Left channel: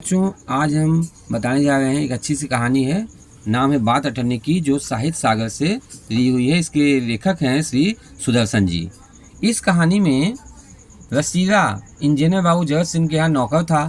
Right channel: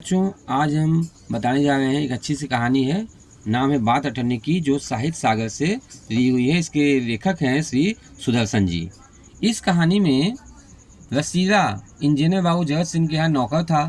बच्चों, आज हम बताने जा रहे हैं एक अच्छी सी कहानी है। नाम है बात अटरने की, जो साहित्य सागर से ली हुई है। इसके लेखक हैं श्री सुदर्शन जी। इस कहानी में रसीला इंजीनियर बाबू जगत सिंह के यहाँ नौकर था।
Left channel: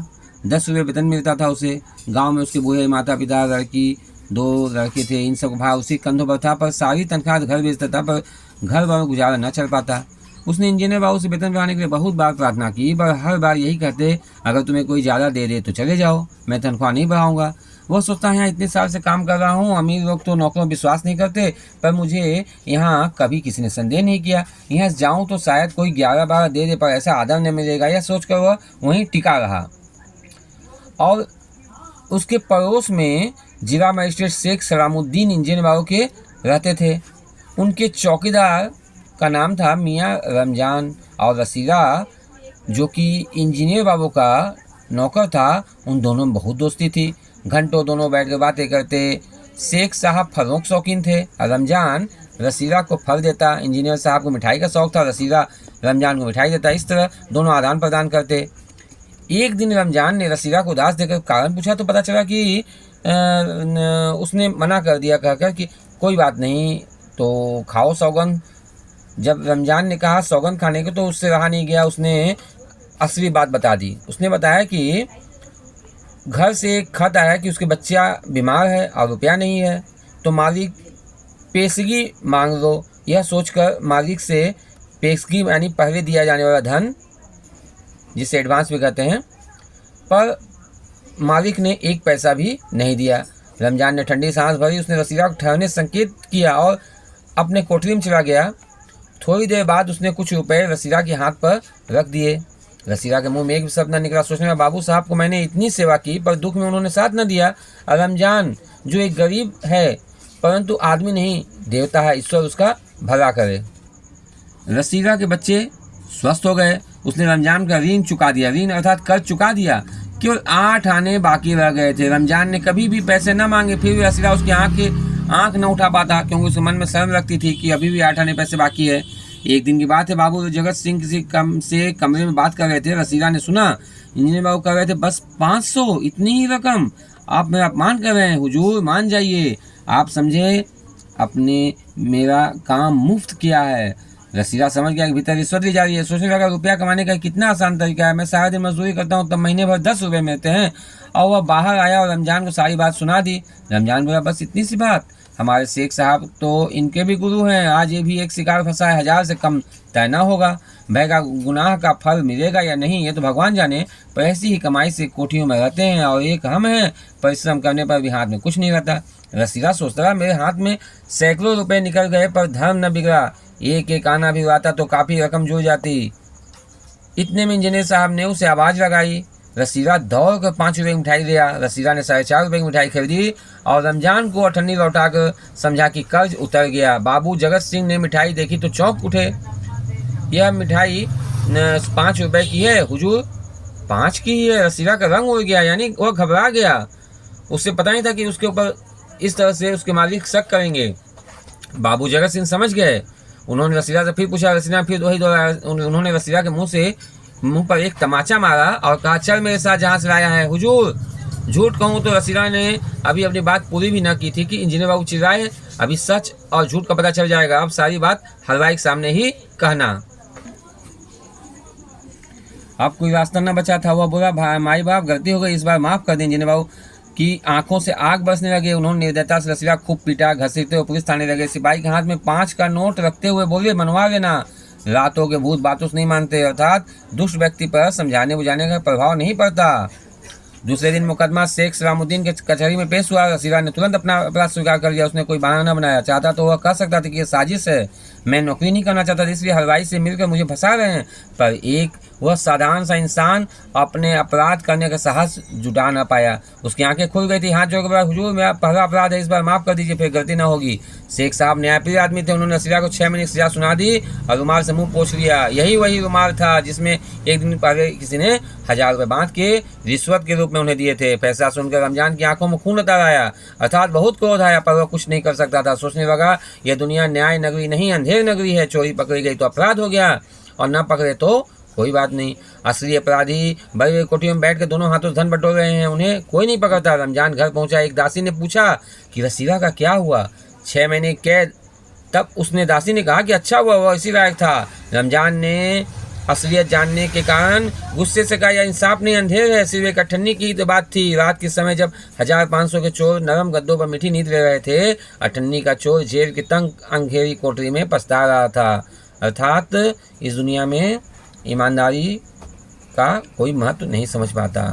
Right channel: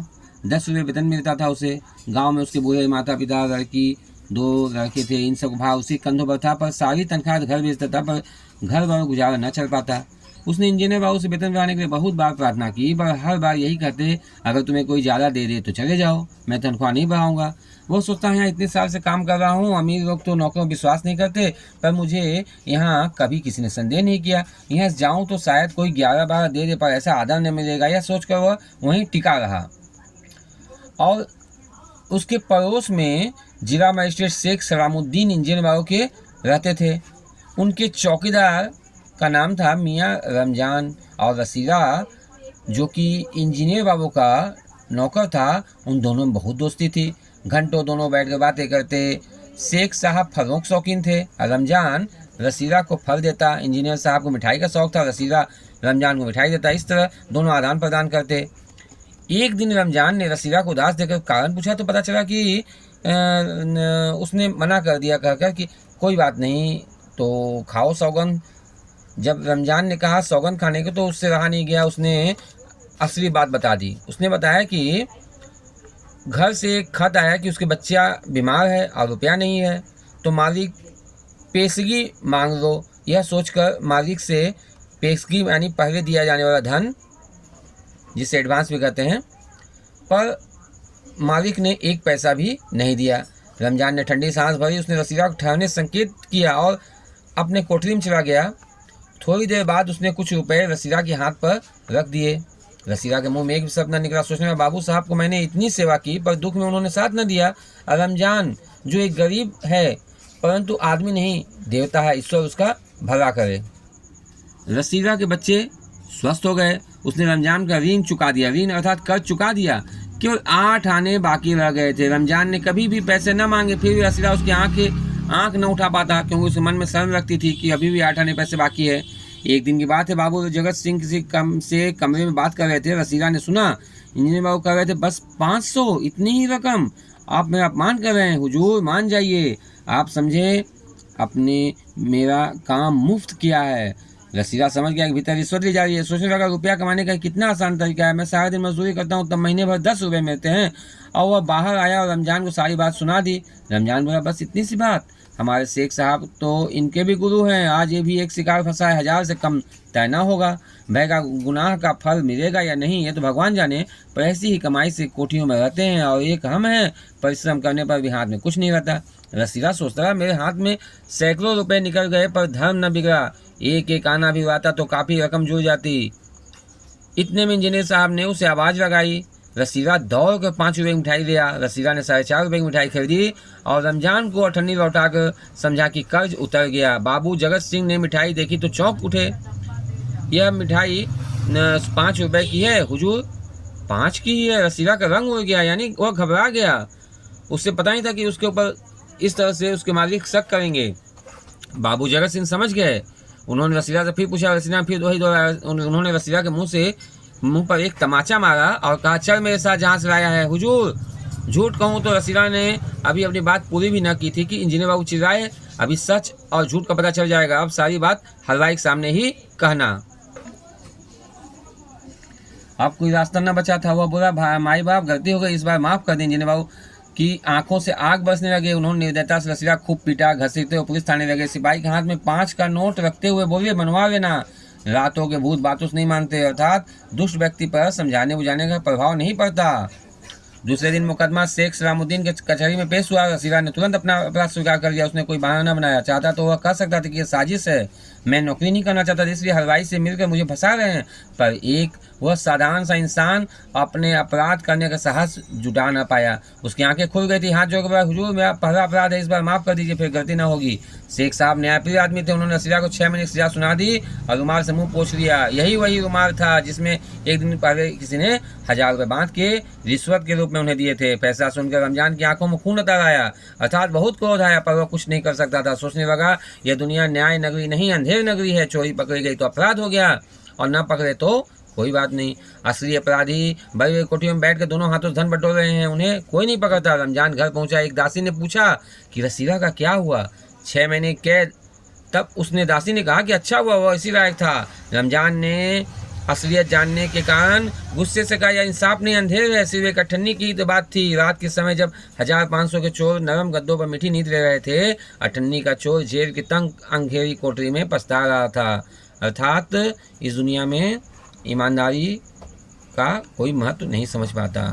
10 रुपये वेतन मिलता था उसे। गांव में उसके बूढ़े माता पिता, लड़की, 2 लड़के थे। इन सब भार उसी कंधों पर था, पर सारी तनख्वाह घर भेजता था, पर घर पर गुजारा न चल पाता। उसने इंजीनियर बाबू से वेतन बढ़ाने के लिए बहुत बार प्रार्थना की, पर हर बार यही कहते, अगर तुम्हें कोई ज़्यादा दे दे तो चले जाओ, मैं तनख्वाह नहीं बढ़ाऊंगा। वह सोचता है यहाँ इतने साल से काम कर रहा हूँ, अमीर लोग तो नौकरों में विश्वास नहीं करते, पर मुझे यहाँ कभी किसी ने संदेह नहीं किया। यहाँ जाऊँ तो शायद कोई 11-12 दे दे, पर ऐसा आदर न मिलेगा, यह सोचकर वह वहीं टिका रहा। और उसके पड़ोस में जिला मजिस्ट्रेट शेख सलामुद्दीन इंजीनियर बाबू के रहते थे। उनके चौकीदार का नाम था मियाँ रमजान, और रसीला जो कि इंजीनियर बाबू का नौकर था, उन दोनों में बहुत दोस्ती थी। घंटों दोनों बैठ कर बातें करते। शेख साहब फलों के शौकीन थे। रमजान रसीला को फल देता, इंजीनियर साहब को मिठाई का शौक था, रसीला रमजान को मिठाई देता। इस तरह दोनों आदान प्रदान करते। एक दिन रमजान ने रसीला को उदास देखकर कारण पूछा तो पता चला कि उसने मना कर दिया, कहकर कि कोई बात नहीं, तो खाओ सौगंध। जब रमजान ने कहा सौगंध खाने को, तो उससे रहा नहीं गया। उसने असली बात बता दी। उसने बताया कि घर से एक खत आया कि उसके बच्चा बीमार है और रुपया नहीं है, तो मालिक पेशगी मांग लो। यह सोचकर मालिक से पेशगी यानी पहले दिया जाने वाला धन, जिसे एडवांस भी कहते हैं, पर मालिक ने एक पैसा भी नहीं दिया। रमजान ने ठंडी सांस भरी। उसने रसीला को ठहरने संकेत किया और अपने कोठरी में चला गया। थोड़ी देर बाद उसने कुछ रुपए रसीला के हाथ पर रख दिए। रसीला के मुंह में एक भी शब्द न निकला। सोचने में, बाबू साहब को मैंने इतनी सेवा की, पर दुख में उन्होंने साथ न दिया। रमजान जो एक गरीब है, परंतु आदमी नहीं, देवता है, ईश्वर उसका भला करे। रसीला के बच्चे स्वस्थ हो गए। उसने रमजान का ऋण चुका दिया। ऋण अर्थात कर्ज चुका दिया। केवल 8 आने बाकी रह गए थे। रमजान ने कभी भी पैसे न मांगे, फिर भी रसीला उसकी आंख न उठा पाता, क्योंकि उसके मन में शर्म लगती थी कि अभी भी 8 आने पैसे बाकी है। एक दिन की बात है, बाबू जगत सिंह किसी से कमरे में बात कर रहे थे। रसीला ने सुना इंजीनियर बाबू कह रहे थे, बस 500, इतनी ही रकम? आप मेरा अपमान कर रहे हैं हुजूर, मान जाइए। आप समझे, अपने मेरा काम मुफ्त किया है। रसीला समझ गया कि भीतर रिश्वत ली जा रही है। सोचने लगा, रुपया कमाने का कितना आसान तरीका है। मैं सारा दिन मजदूरी करता हूँ, तब महीने भर 10 रुपये मिलते हैं। और वह बाहर आया और रमजान को सारी बात सुना दी। रमजान बोला, बस इतनी सी बात? हमारे शेख साहब तो इनके भी गुरु हैं। आज ये भी एक शिकार फंसा है, 1000 से कम तय न होगा। भय का गुनाह का फल मिलेगा या नहीं, ये तो भगवान जाने। पर ऐसी ही कमाई से कोठियों में रहते हैं, और एक हम हैं, परिश्रम करने पर भी हाथ में कुछ नहीं रहता। रसीला सोचता रहा, मेरे हाथ में सैकड़ों रुपए निकल गए, पर धर्म न बिगड़ा। एक एक आना भी आता तो काफ़ी रकम जुड़ जाती। इतने में इंजीनियर साहब ने उसे आवाज़ लगाई। रसीला दौड़ कर 5 रुपये की मिठाई लिया। रसीला ने 4.5 रुपये की मिठाई खरीदी और रमजान को अठन्नी लौटाकर समझा कि कर्ज उतर गया। बाबू जगत सिंह ने मिठाई देखी तो चौंक उठे। यह मिठाई 5 रुपये की है हुजूर। 5 की है? रसीला का रंग उड़ गया, यानी वह घबरा गया। उससे पता नहीं था कि उसके ऊपर इस तरह से उसके मालिक शक करेंगे। बाबू जगत सिंह समझ गए। उन्होंने रसीला से फिर पूछा। रसीला फिर वही उन्होंने रसीला के मुंह पर एक तमाचा मारा और कहा, चल मेरे साथ जहाँ से लाया है। हुजूर, झूठ कहूँ तो रसीला ने अभी अपनी बात पूरी भी न की थी कि इंजीनियर बाबू चिल्लाए। अभी सच और झूठ का पता चल जाएगा। अब सारी बात हलवाई के सामने ही कहना। अब कोई रास्ता न बचा था। वह बोला, माई बाप गलती हो गई, इस बार माफ कर दें। इंजीनियर बाबू की आंखों से आग बरसने लगे। उन्होंने निर्दयता से रसीला खूब पीटा। घसीटते हुए पुलिस थाने लगे। सिपाही के हाथ में 5 का नोट रखते हुए बोले, मनवा लेना। रातों के भूत बातों से नहीं मानते, अर्थात दुष्ट व्यक्ति पर समझाने बुझाने का प्रभाव नहीं पड़ता। दूसरे दिन मुकदमा शेख सलामुद्दीन के कचहरी में पेश हुआ। रसीला ने तुरंत अपना अपराध स्वीकार कर लिया। उसने कोई बहाना न बनाया। चाहता तो वह कह सकता था कि यह साजिश है, मैं नौकरी नहीं करना चाहता, इसलिए हलवाई से मिलकर मुझे फंसा रहे हैं। पर एक वह साधारण सा इंसान अपने अपराध करने का साहस जुटा न पाया। उसकी आंखें खुल गई थी। हाथ जोड़कर, हुजूर मेरा पहला अपराध है, इस बार माफ कर दीजिए, फिर गलती ना होगी। शेख साहब न्यायप्रिय आदमी थे। उन्होंने रसीला को 6 महीने की सजा सुना दी और रुमाल से मुंह पोंछ लिया। यही वही रुमाल था जिसमें एक दिन पहले किसी ने 1000 रुपये बांध के रिश्वत के रूप में उन्हें दिए थे। फैसला सुनकर रमजान की आंखों में खून उतर आया, अर्थात बहुत क्रोध आया, पर वह कुछ नहीं कर सकता था। सोचने लगा, यह दुनिया न्याय नगरी नहीं, अंधेर नगरी है। चोरी पकड़ी गई तो अपराध हो गया, और न पकड़े तो कोई बात नहीं। असली अपराधी भाई कोठी में बैठ के दोनों हाथों से धन बटोर रहे हैं, उन्हें कोई नहीं पकड़ता। रमजान घर पहुंचा, एक दासी ने पूछा कि रसीला का क्या हुआ? 6 महीने कैद। तब उसने दासी ने कहा कि अच्छा हुआ, वह इसी लायक था। रमजान ने असलियत जानने के कारण गुस्से से कहा, यह इंसाफ नहीं, अंधेर है। सिर्फ एक अठन्नी की तो बात थी। रात के समय जब 1500 के चोर नरम गद्दों पर मीठी नींद ले रहे थे, अठन्नी का चोर जेल की तंग अंधेरी कोठरी में पछता रहा था। अर्थात इस दुनिया में ईमानदारी का कोई महत्व नहीं समझ पाता।